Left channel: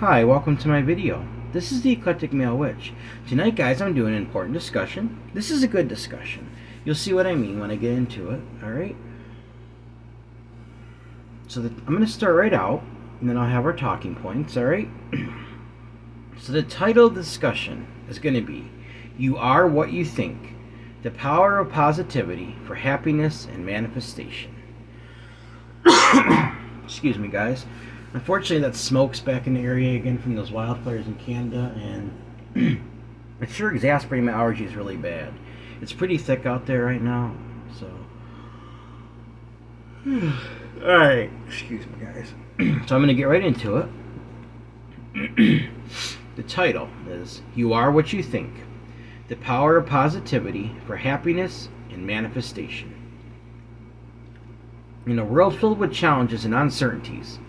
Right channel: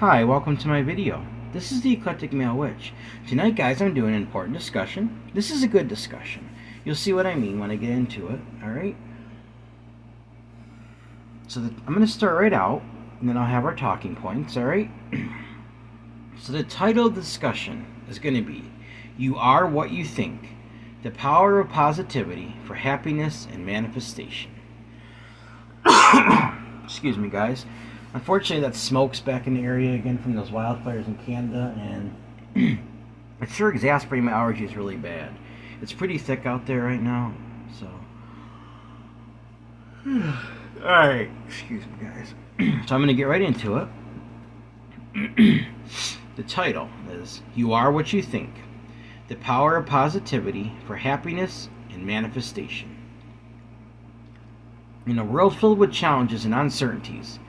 Hi, welcome to my video. This is the Eclectic Male Witch. Tonight, guys, I'm doing an important discussion. This is a good discussion. You'll see what I mean when I get into it, alright? I'm going to start right out, and then I'll have our talking points, alright? So the title of the discussion is going to be, You Are What You Think, the Power of Positivity for Happiness and Manifestation. Excuse me, guys. Unfortunately, that smoke's back in the area again from those wildfires in Canada, and it's sure exasperating my allergies really bad. It's pretty thick out there right now, so. Alright, excuse me, guys. So I'm going to get right into it. The title is You Are What You Think, the Power of Positivity for Happiness and Manifestation. In a world filled with challenges and uncertainties,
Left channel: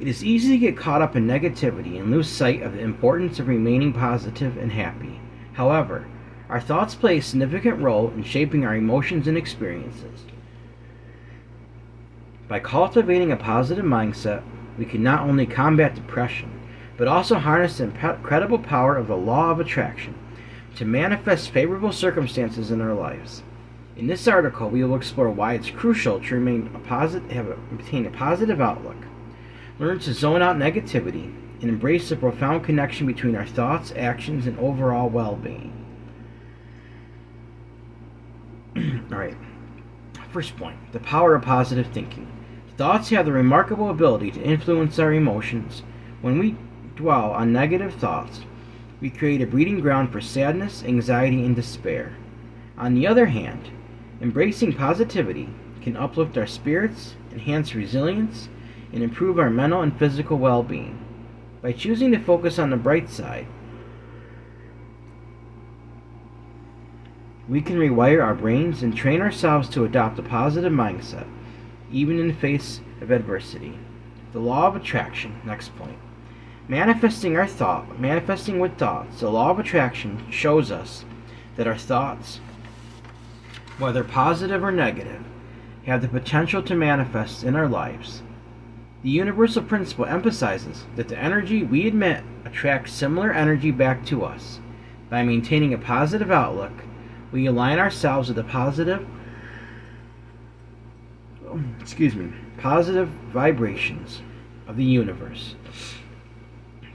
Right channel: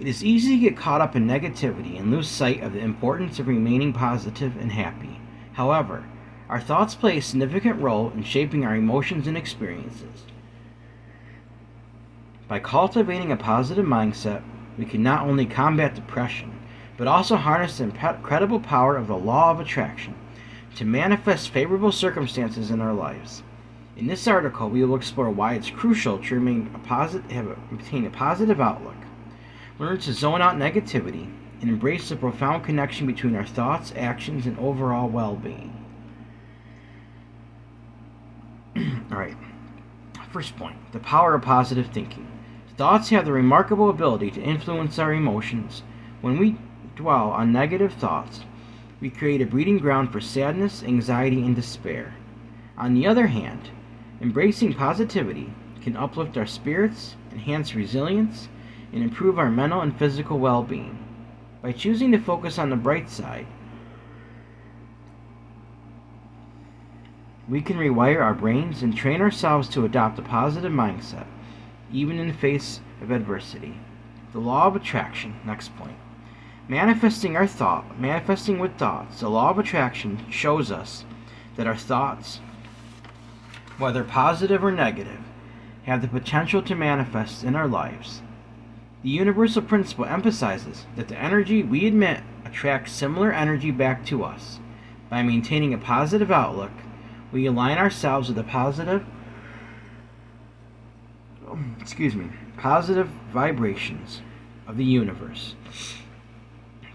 it is easy to get caught up in negativity and lose sight of the importance of remaining positive and happy. However, our thoughts play a significant role in shaping our emotions and experiences. By cultivating a positive mindset, we can not only combat depression, but also harness the incredible power of the law of attraction to manifest favorable circumstances in our lives. In this article, we will explore why it's crucial to maintain a positive outlook, learn to zone out negativity, and embrace the profound connection between our thoughts, actions, and overall well-being. Alright, first point, the power of positive thinking. Thoughts have the remarkable ability to influence our emotions. When we dwell on negative thoughts, we create a breeding ground for sadness, anxiety, and despair. On the other hand, embracing positivity can uplift our spirits, enhance resilience, and improve our mental and physical well-being. By choosing to focus on the bright side, we can rewire our brains and train ourselves to adopt a positive mindset, even in the face of adversity. The law of attraction, next point. Manifesting with thoughts. The law of attraction shows us that our thoughts, whether positive or negative, have the potential to manifest in our lives. The universal principle emphasizes that the energy we emit attracts similar energy back to us. By maintaining a positive outlook, we align ourselves with the positive vibrations of the universe.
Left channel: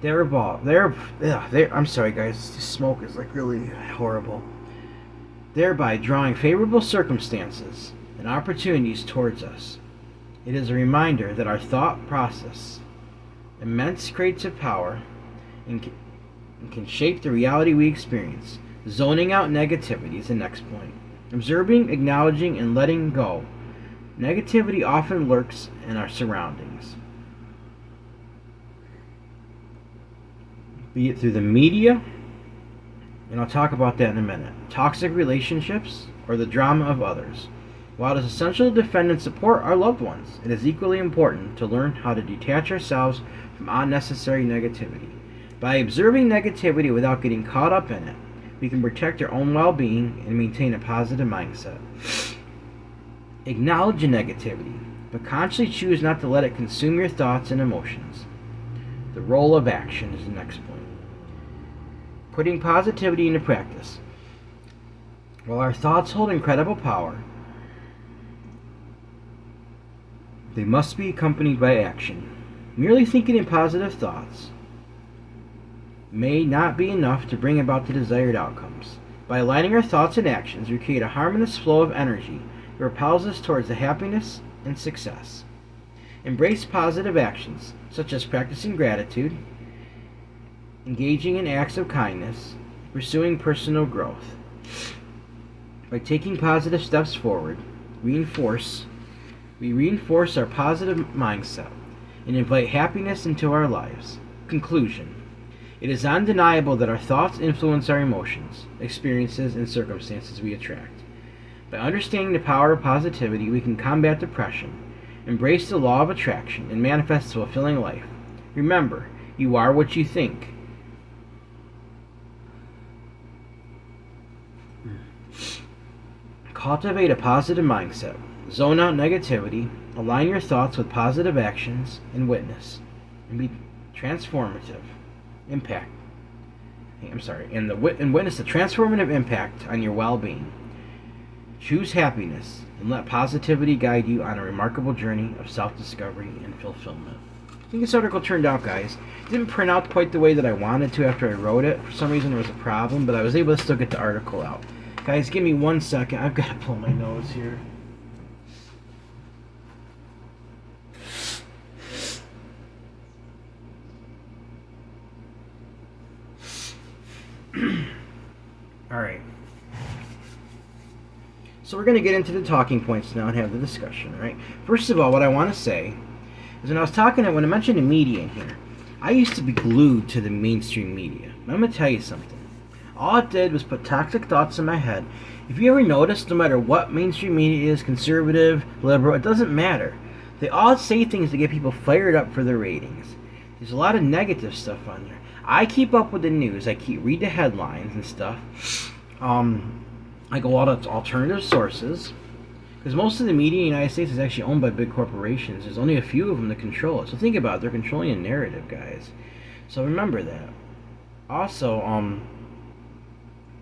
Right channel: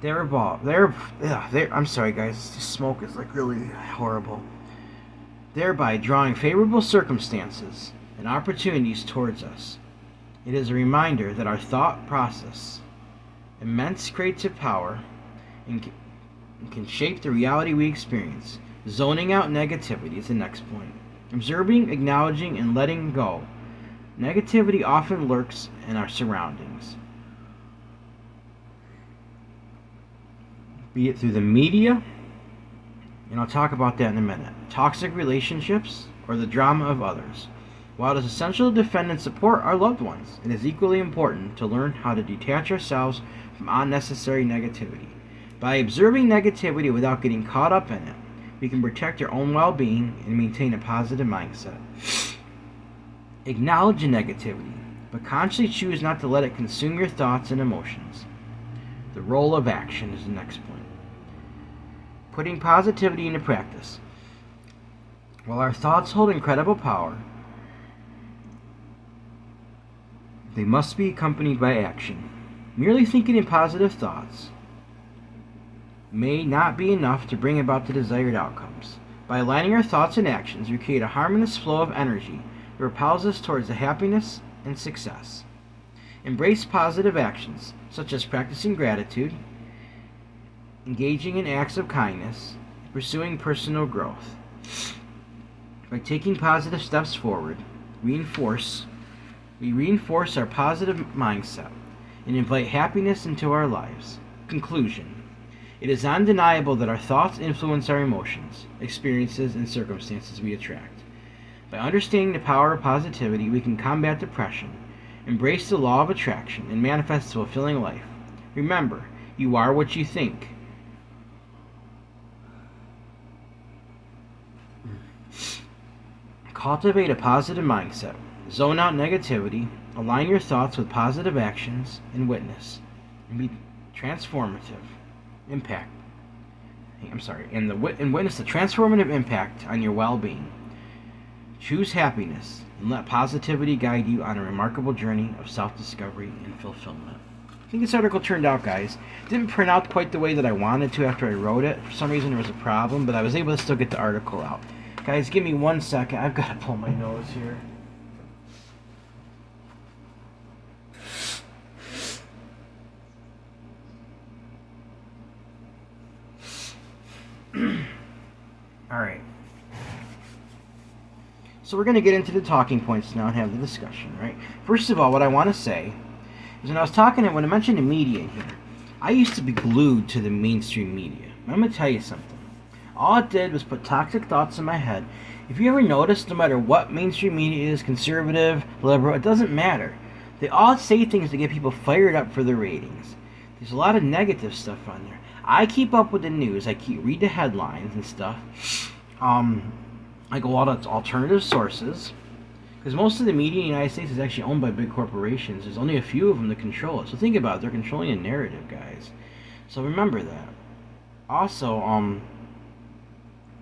I'm sorry, guys. This smoke is like really horrible. Thereby drawing favorable circumstances and opportunities towards us. It is a reminder that our thought process, immense creative power, and can shape the reality we experience. Zoning out negativity is the next point. Observing, acknowledging, and letting go. Negativity often lurks in our surroundings, be it through the media, and I'll talk about that in a minute, toxic relationships, or the drama of others. While it is essential to defend and support our loved ones, it is equally important to learn how to detach ourselves from unnecessary negativity. By observing negativity without getting caught up in it, we can protect our own well-being and maintain a positive mindset. Acknowledge the negativity, but consciously choose not to let it consume your thoughts and emotions. The role of action is the next point. Putting positivity into practice. While our thoughts hold incredible power, they must be accompanied by action. Merely thinking in positive thoughts may not be enough to bring about the desired outcomes. By aligning our thoughts and actions, we create a harmonious flow of energy that propels us towards the happiness and success. Embrace positive actions, such as practicing gratitude, engaging in acts of kindness, pursuing personal growth. By taking positive steps forward, we reinforce our positive mindset and invite happiness into our lives. Conclusion. It is undeniable that our thoughts influence our emotions, experiences, and circumstances we attract. By understanding the power of positivity, we can combat depression, embrace the law of attraction, and manifest a fulfilling life. Remember, you are what you think. Cultivate a positive mindset. Zone out negativity. Align your thoughts with positive actions and witness. And be transformative impact. And witness the transformative impact on your well-being. Choose happiness and let positivity guide you on a remarkable journey of self-discovery and fulfillment. I think this article turned out, guys. It didn't print out quite the way that I wanted to after I wrote it. For some reason there was a problem, but I was able to still get the article out. Guys, give me 1 second. I've got to pull my nose here. Alright. So we're going to get into the talking points now and have the discussion, right? First of all, what I want to say is when I mentioned the media in here, I used to be glued to the mainstream media. I'm going to tell you something. All it did was put toxic thoughts in my head. If you ever notice, no matter what mainstream media is, conservative, liberal, it doesn't matter. They all say things to get people fired up for their ratings. There's a lot of negative stuff on there. I keep up with the news. Read the headlines and stuff. I go out to alternative sources because most of the media in the United States is actually owned by big corporations. There's only a few of them that control it. So think about it. They're controlling a narrative, guys. So remember that. Also,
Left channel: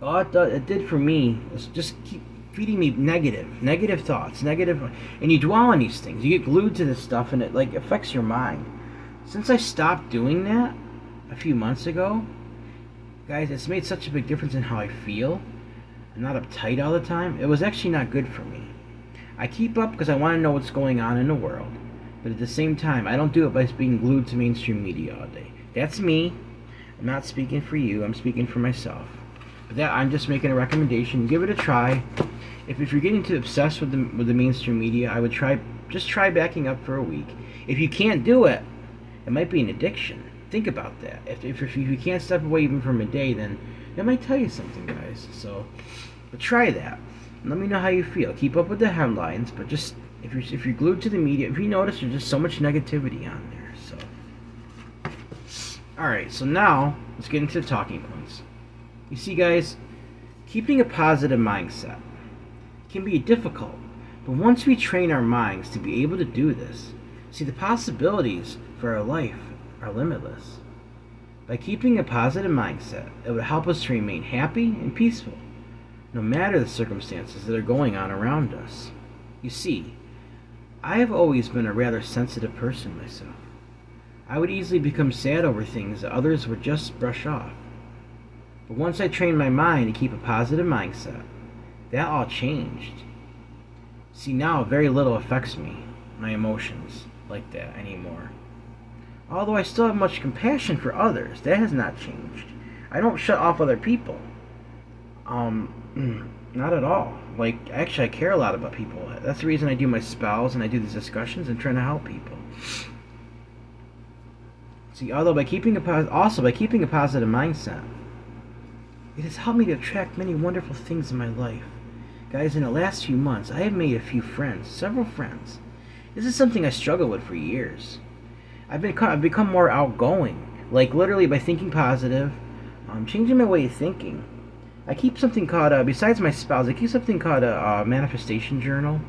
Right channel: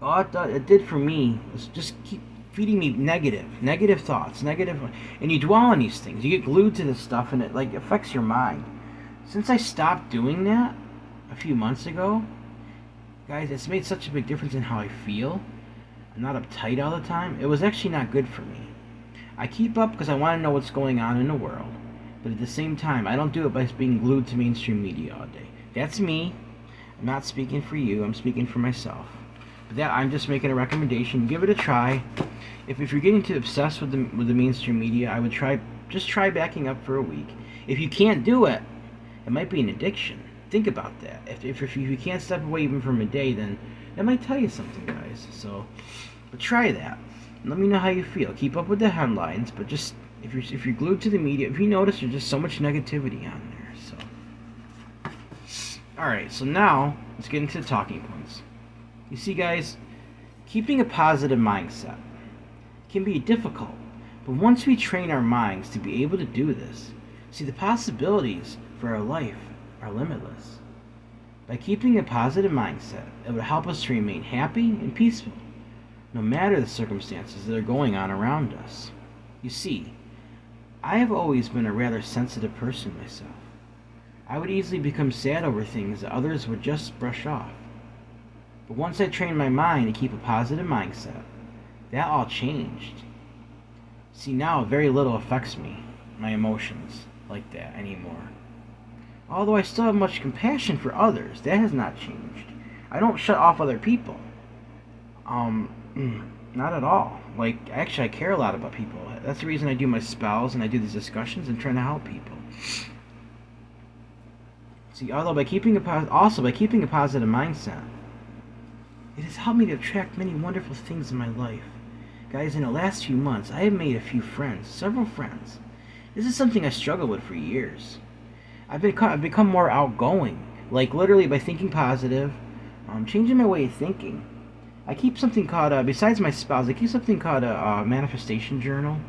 all it did for me was just keep feeding me negative thoughts, and you dwell on these things. You get glued to this stuff, and it affects your mind. Since I stopped doing that a few months ago, guys, it's made such a big difference in how I feel. I'm not uptight all the time. It was actually not good for me. I keep up because I want to know what's going on in the world, but at the same time, I don't do it by being glued to mainstream media all day. That's me. I'm not speaking for you. I'm speaking for myself. But I'm just making a recommendation. Give it a try. If you're getting too obsessed with the mainstream media, I would try backing up for a week. If you can't do it, it might be an addiction. Think about that. If you can't step away even from a day, then that might tell you something, guys. So, but try that. Let me know how you feel. Keep up with the headlines, but just if you're glued to the media, if you notice there's just so much negativity on there. So, all right. So now let's get into the talking points. You see, guys, keeping a positive mindset can be difficult, but once we train our minds to be able to do this, see, the possibilities for our life are limitless. By keeping a positive mindset, it would help us to remain happy and peaceful, no matter the circumstances that are going on around us. You see, I have always been a rather sensitive person myself. I would easily become sad over things that others would just brush off. But once I trained my mind to keep a positive mindset, that all changed. See, now very little affects me, my emotions, like that anymore. Although I still have much compassion for others, that has not changed. I don't shut off other people. Not at all. Actually, I care a lot about people. That's the reason I do my spells and I do these discussions and trying to help people. See, by keeping a positive mindset, it has helped me to attract many wonderful things in my life. Guys, in the last few months, I have made a few friends, several friends. This is something I struggled with for years. I've become more outgoing, literally by thinking positive, changing my way of thinking. I keep something called, besides my spells, I keep something called a manifestation journal,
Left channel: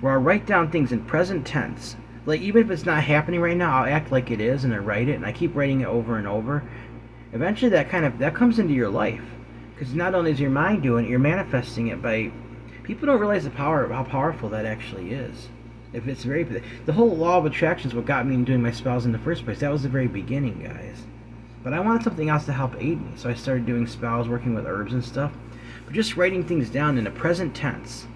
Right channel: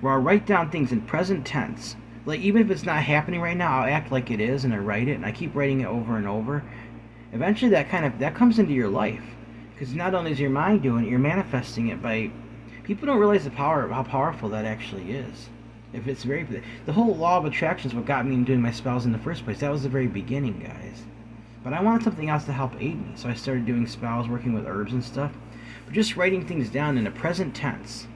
where I'll write down things in present tense. Even if it's not happening right now, I'll act like it is, and I write it, and I keep writing it over and over. Eventually, that comes into your life. Because not only is your mind doing it, you're manifesting it by... People don't realize how powerful that actually is. The whole law of attraction is what got me doing my spells in the first place. That was the very beginning, guys. But I wanted something else to help aid me, so I started doing spells, working with herbs and stuff. But just writing things down in the present tense,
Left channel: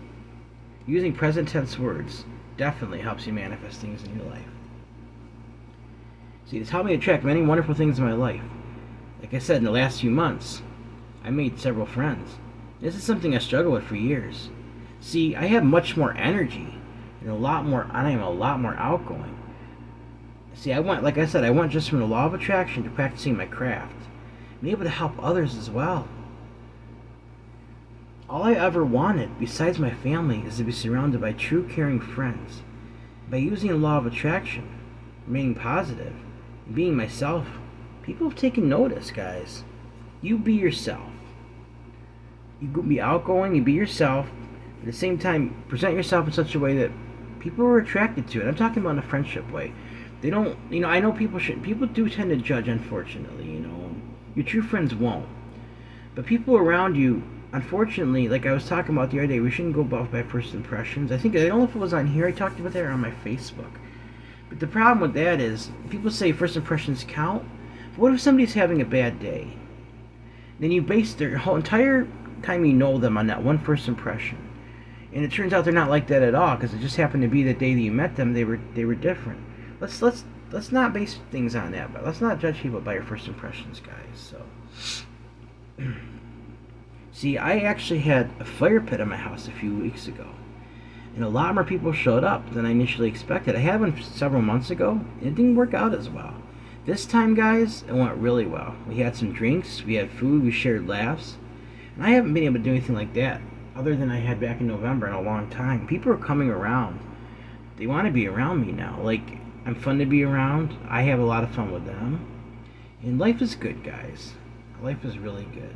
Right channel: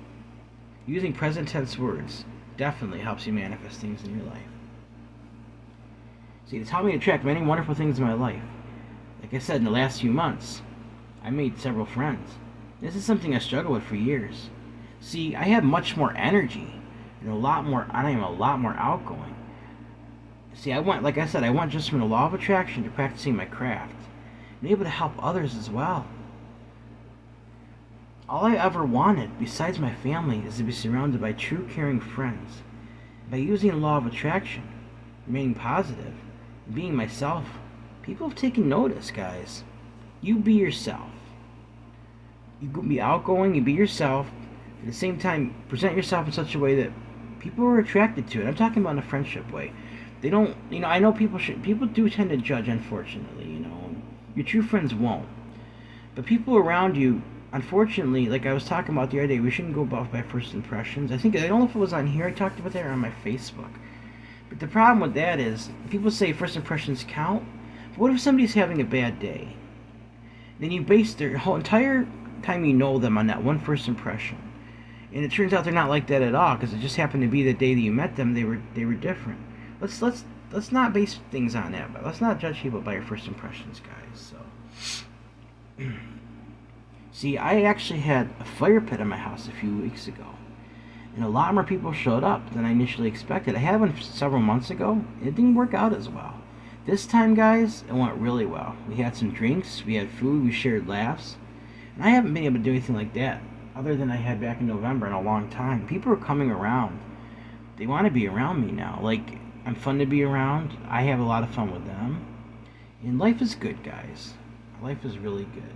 using present tense words, definitely helps you manifest things in your life. See, it's helped me attract many wonderful things in my life. Like I said, in the last few months, I made several friends. This is something I struggled with for years. See, I have much more energy and I am a lot more outgoing. See, I went just from the law of attraction to practicing my craft, and able to help others as well. All I ever wanted, besides my family, is to be surrounded by true caring friends. By using the law of attraction, remaining positive, and being myself, people have taken notice, guys. You be yourself. You be outgoing, you be yourself. At the same time, present yourself in such a way that people are attracted to it. I'm talking about in a friendship way. They don't, I know people do tend to judge, unfortunately, Your true friends won't. But people around you, unfortunately, like I was talking about the other day, we shouldn't go off by first impressions. I don't know if it was on here, I talked about that on my Facebook. But the problem with that is, people say first impressions count. But what if somebody's having a bad day? Then you base their whole entire time you know them on that one first impression. And it turns out they're not like that at all, because it just happened to be the day that you met them, they were different. Let's not base things on that. But let's not judge people by your first impressions, guys. So, see, I actually had a fire pit at my house a few weeks ago, and a lot more people showed up than I initially expected. I had one several months ago. It didn't work out as well. This time, guys, it went really well. We had some drinks, we had food, we shared laughs, and I haven't been able to do anything like that other than I had back in November in a long time. People are coming around. They want to be around me now. Like, I'm fun to be around. I have a lot of fun with them. And life is good, guys. Life is really good.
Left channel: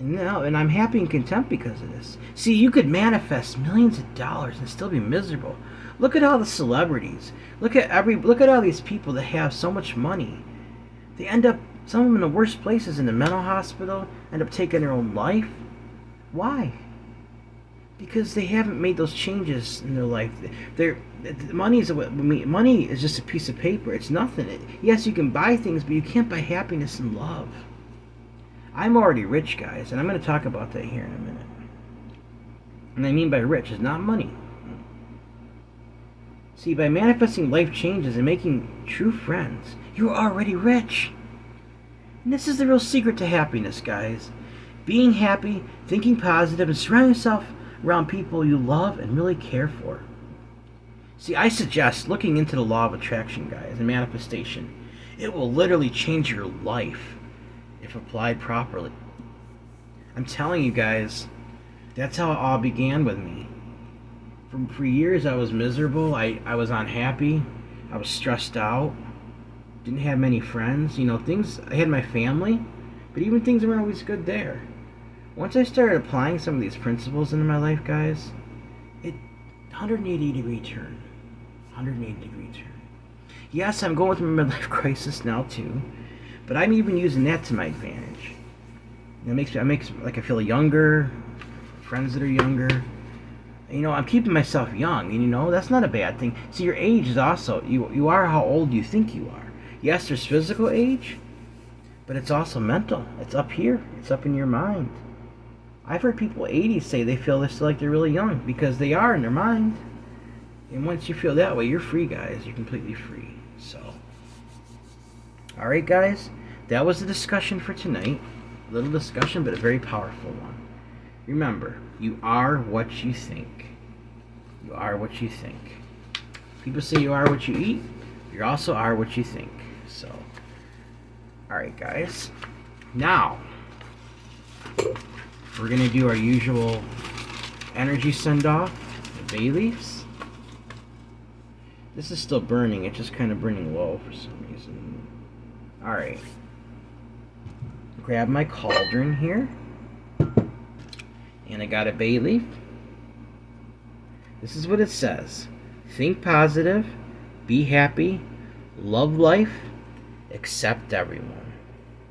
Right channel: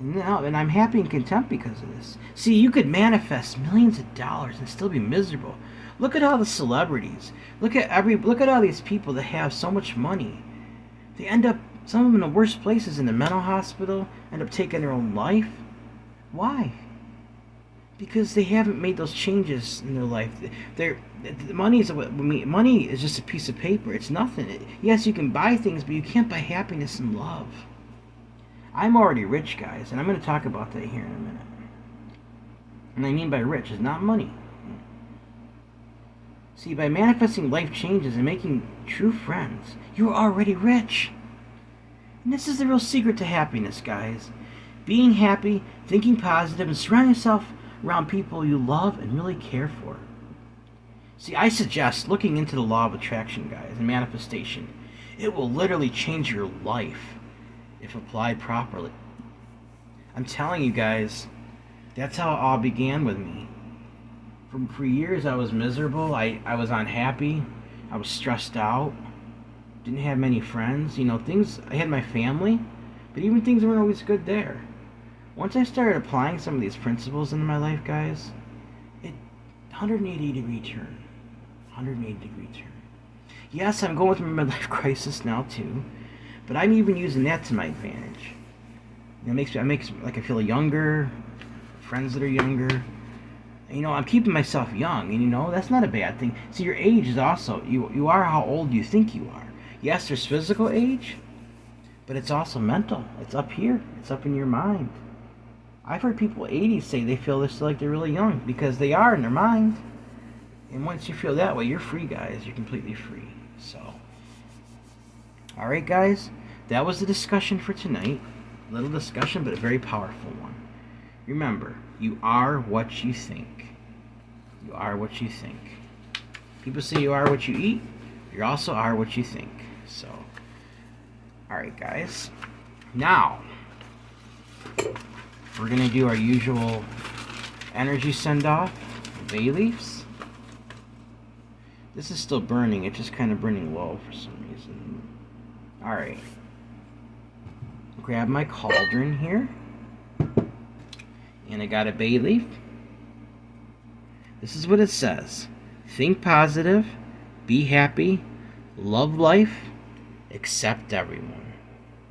And I'm happy and content because of this. See, you could manifest millions of dollars and still be miserable. Look at all the celebrities. Look at all these people that have so much money. They end up, some of them in the worst places, in the mental hospital, end up taking their own life. Why? Because they haven't made those changes in their life. Money is just a piece of paper. It's nothing. Yes, you can buy things, but you can't buy happiness and love. I'm already rich, guys, and I'm going to talk about that here in a minute. And I mean by rich is not money. See, by manifesting life changes and making true friends, you're already rich. And this is the real secret to happiness, guys. Being happy, thinking positive, and surrounding yourself around people you love and really care for. See, I suggest looking into the law of attraction, guys, and manifestation. It will literally change your life if applied properly. I'm telling you guys, that's how it all began with me. For years I was miserable, I was unhappy, I was stressed out, didn't have many friends, I had my family, but even things weren't always good there. Once I started applying some of these principles into my life, guys, 180-degree turn. 180-degree turn. Yes, I'm going through my midlife crisis now too, but I'm even using that to my advantage. I feel younger, friends that are younger. I'm keeping myself young, and that's not a bad thing. See, your age is also, you are how old you think you are. Yes, there's physical age, but it's also mental. It's up here. It's up in your mind. I've heard people 80 say they feel they're really young because they are in their mind. And once you feel that way, you're free, guys. You're completely free. So, all right, guys, that was the discussion for tonight. A little discussion, but a very powerful one. Remember, you are what you think. You are what you think. People say you are what you eat. You also are what you think. So, all right, guys. Now, we're going to do our usual energy send-off, the bay leaves. This is still burning. It's just kind of burning low for some reason. All right. Grab my cauldron here. And I got a bay leaf. This is what it says. Think positive, be happy, love life, accept everyone.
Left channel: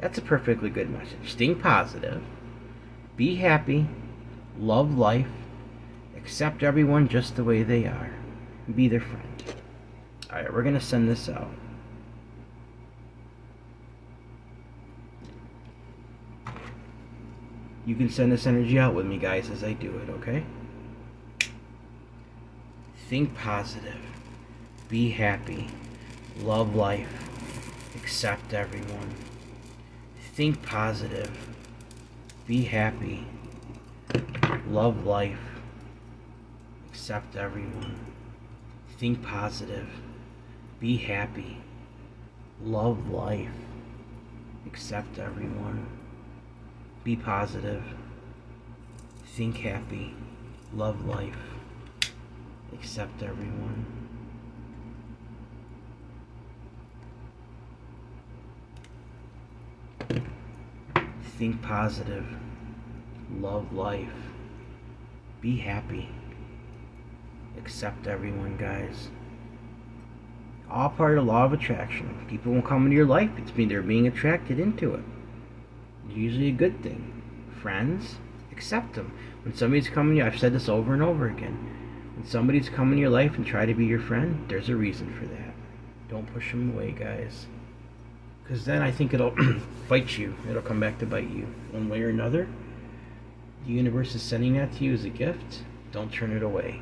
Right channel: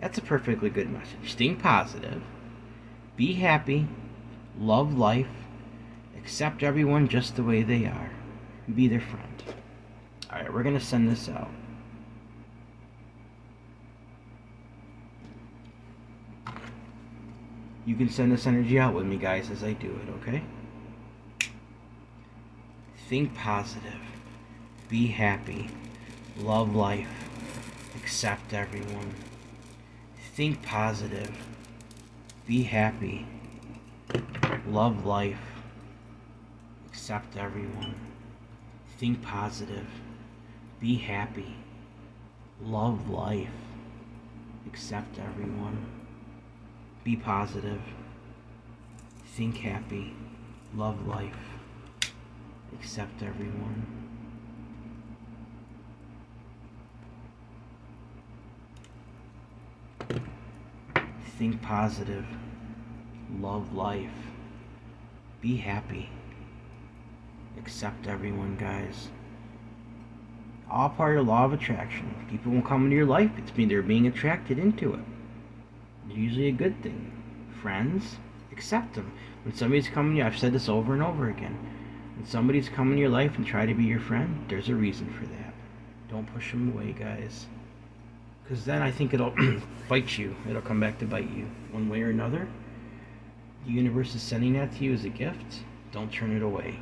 That's a perfectly good message. Think positive, be happy, love life, accept everyone just the way they are, and be their friend. Alright, we're going to send this out. You can send this energy out with me, guys, as I do it, okay? Think positive. Be happy. Love life. Accept everyone. Think positive. Be happy. Love life. Accept everyone. Think positive. Be happy. Love life. Accept everyone. Be positive. Think happy. Love life. Accept everyone. Think positive. Love life. Be happy. Accept everyone, guys. All part of the law of attraction. People will come into your life. It's mean they're being attracted into it. It's usually a good thing. Friends, accept them. When somebody's coming to you, I've said this over and over again. When somebody's coming to your life and try to be your friend, there's a reason for that. Don't push them away, guys. Because then I think it'll bite you. It'll come back to bite you one way or another. The universe is sending that to you as a gift. Don't turn it away.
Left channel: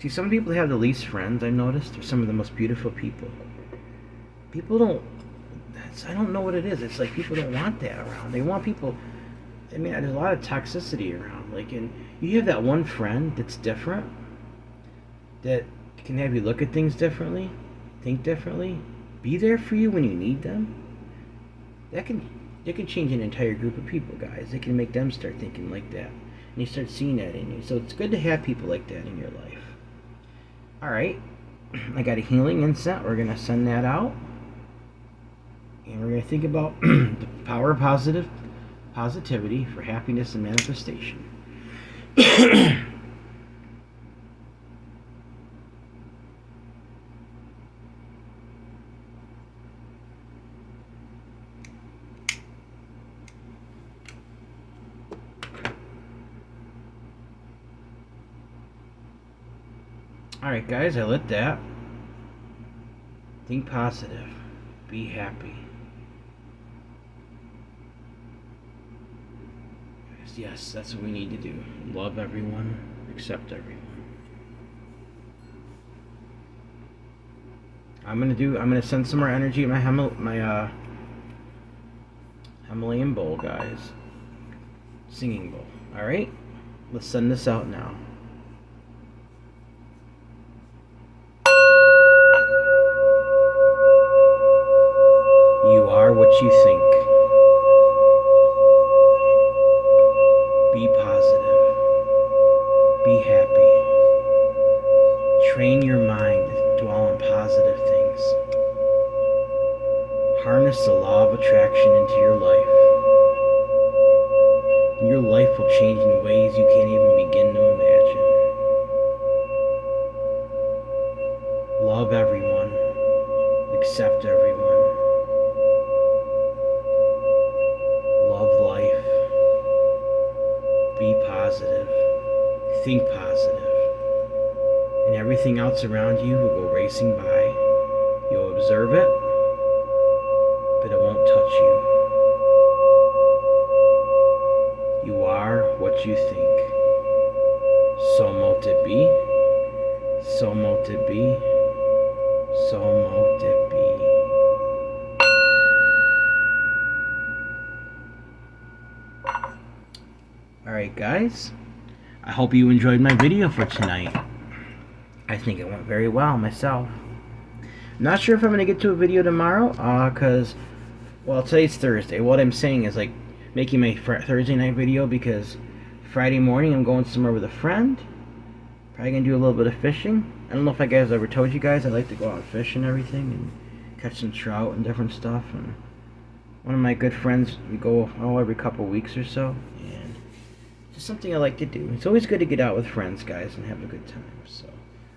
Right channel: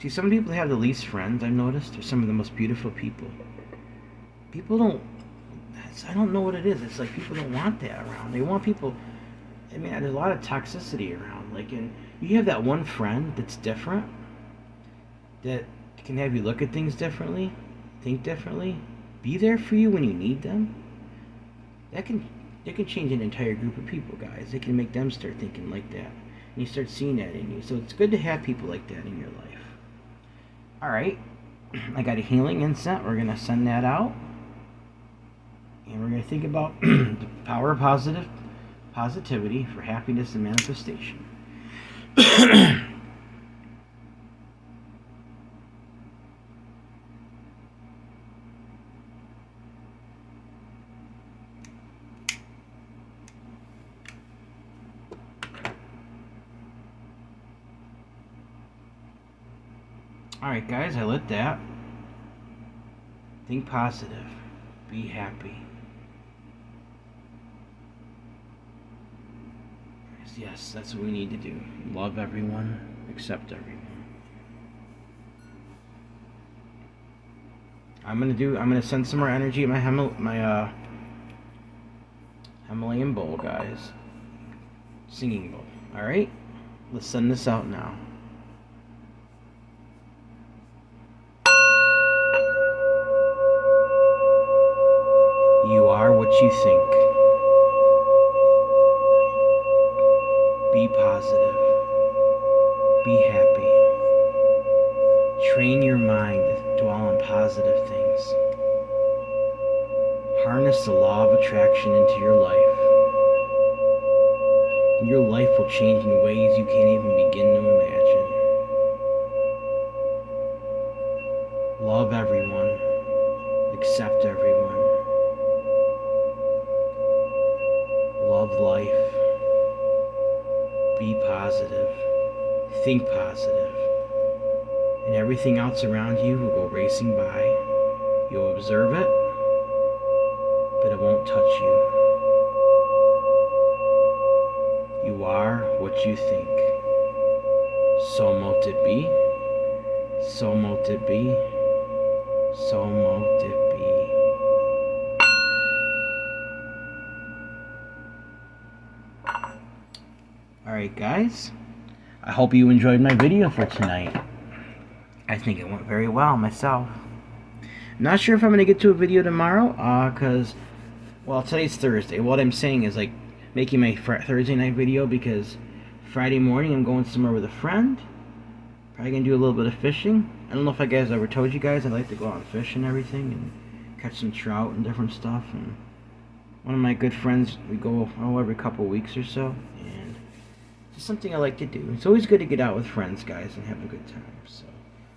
See, some people have the least friends, I've noticed. They're some of the most beautiful people. People don't... I don't know what it is. It's like people don't want that around. They want people... I mean, there's a lot of toxicity around. Like, and you have that one friend that's different, that can have you look at things differently, think differently, be there for you when you need them. They can change an entire group of people, guys. They can make them start thinking like that, and you start seeing that in you. So it's good to have people like that in your life. All right, I got a healing incense. We're gonna send that out, and we're gonna think about the power of positivity for happiness and manifestation. Alright guys, I lit that. Think positive. Be happy. Yes, that's what we need to do. Love everyone. Accept everyone. I'm gonna send some more energy at my Himalayan bowl, guys. Singing bowl. Alright? Let's send this out now. You are what you think. Be positive. Be happy. Train your mind to dwell on positive things. Harness the law of attraction into your life. And your life will change in ways you can't even begin to imagine. Love everyone. Accept everyone. Love life. Be positive. Think positive. And everything else around you will go racing by. You'll observe it, but it won't touch you. You are what you think. So mote it be. So mote it be. So mote it be. Alright guys, I hope you enjoyed my video for tonight. I think it went very well myself. Not sure if I'm going to get to a video tomorrow, because, well, today's Thursday. What I'm saying is, like, making my Thursday night video, because Friday morning I'm going somewhere with a friend. Probably going to do a little bit of fishing. I don't know if I guys ever told you guys I like to go out and fish and everything, and catch some trout and different stuff. And one of my good friends, we go every couple weeks or so, and it's just something I like to do. It's always good to get out with friends, guys, and have a good time. So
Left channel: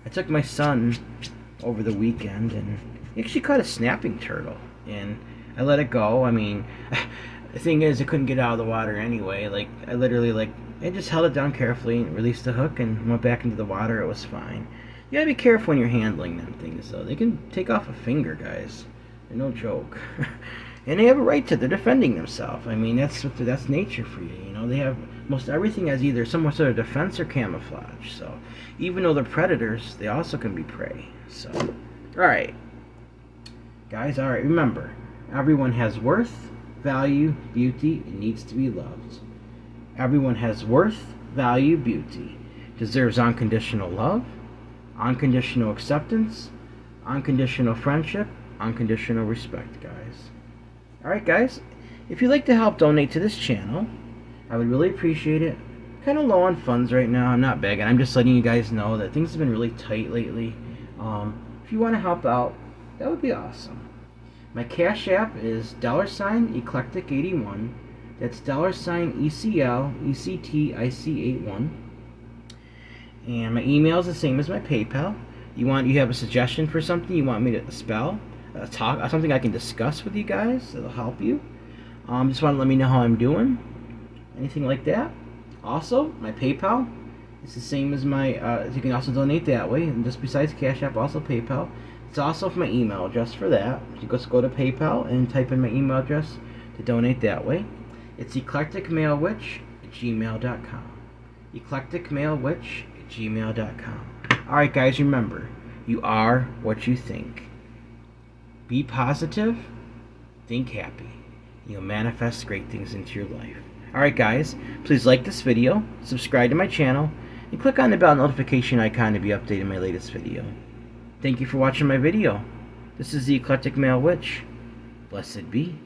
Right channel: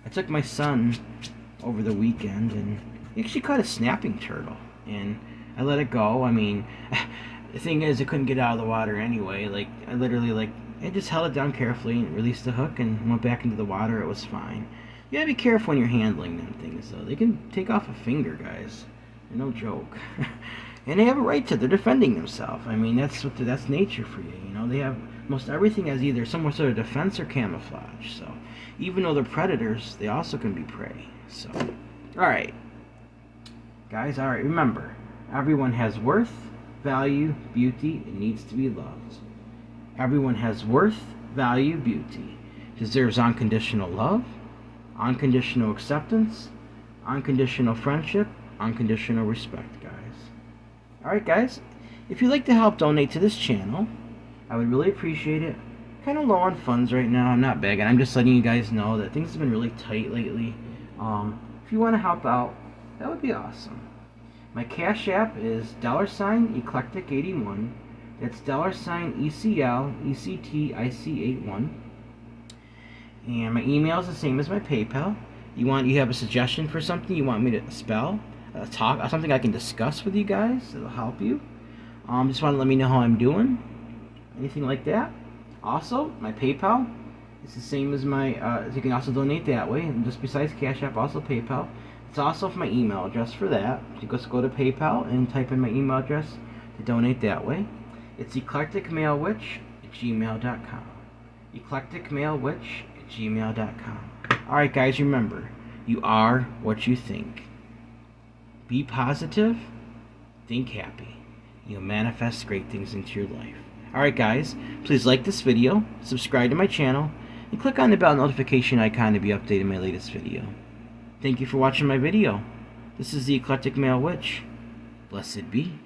I took my son over the weekend, and he actually caught a snapping turtle, and I let it go. I mean, the thing is, it couldn't get out of the water anyway. Like, I literally, I just held it down carefully and released the hook and went back into the water. It was fine. You gotta be careful when you're handling them things, though. They can take off a finger, guys. They're no joke. And they have a right to. They're defending themselves. I mean, that's nature for you. You know, they have most everything as either some sort of defense or camouflage. So, even though they're predators, they also can be prey. So, all right, guys. All right. Remember, everyone has worth, value, beauty, and needs to be loved. Everyone has worth, value, beauty, deserves unconditional love, unconditional acceptance, unconditional friendship, unconditional respect, guys. Alright guys, if you'd like to help donate to this channel, I would really appreciate it. Kind of low on funds right now. I'm not begging. I'm just letting you guys know that things have been really tight lately. If you want to help out, that would be awesome. My Cash App is $Eclectic81. That's $ECLECTIC81. And my email is the same as my PayPal. You have a suggestion for something you want me to spell, talk, something I can discuss with you guys that'll help you. Just want to let me know how I'm doing, anything like that. Also, my PayPal is the same as my. You can also donate that way, and just besides Cash App, also PayPal. It's also for my email address for that. You just go to PayPal and type in my email address to donate that way. It's eclecticmalewitch@gmail.com. eclecticmalewitch@gmail.com. Alright guys, remember, you are what you think. Be positive, think happy. You'll manifest great things into your life. Alright guys, please like this video, subscribe to my channel, and click on the bell notification icon to be updated on my latest video. Thank you for watching my video. This is the Eclectic Male Witch. Blessed be.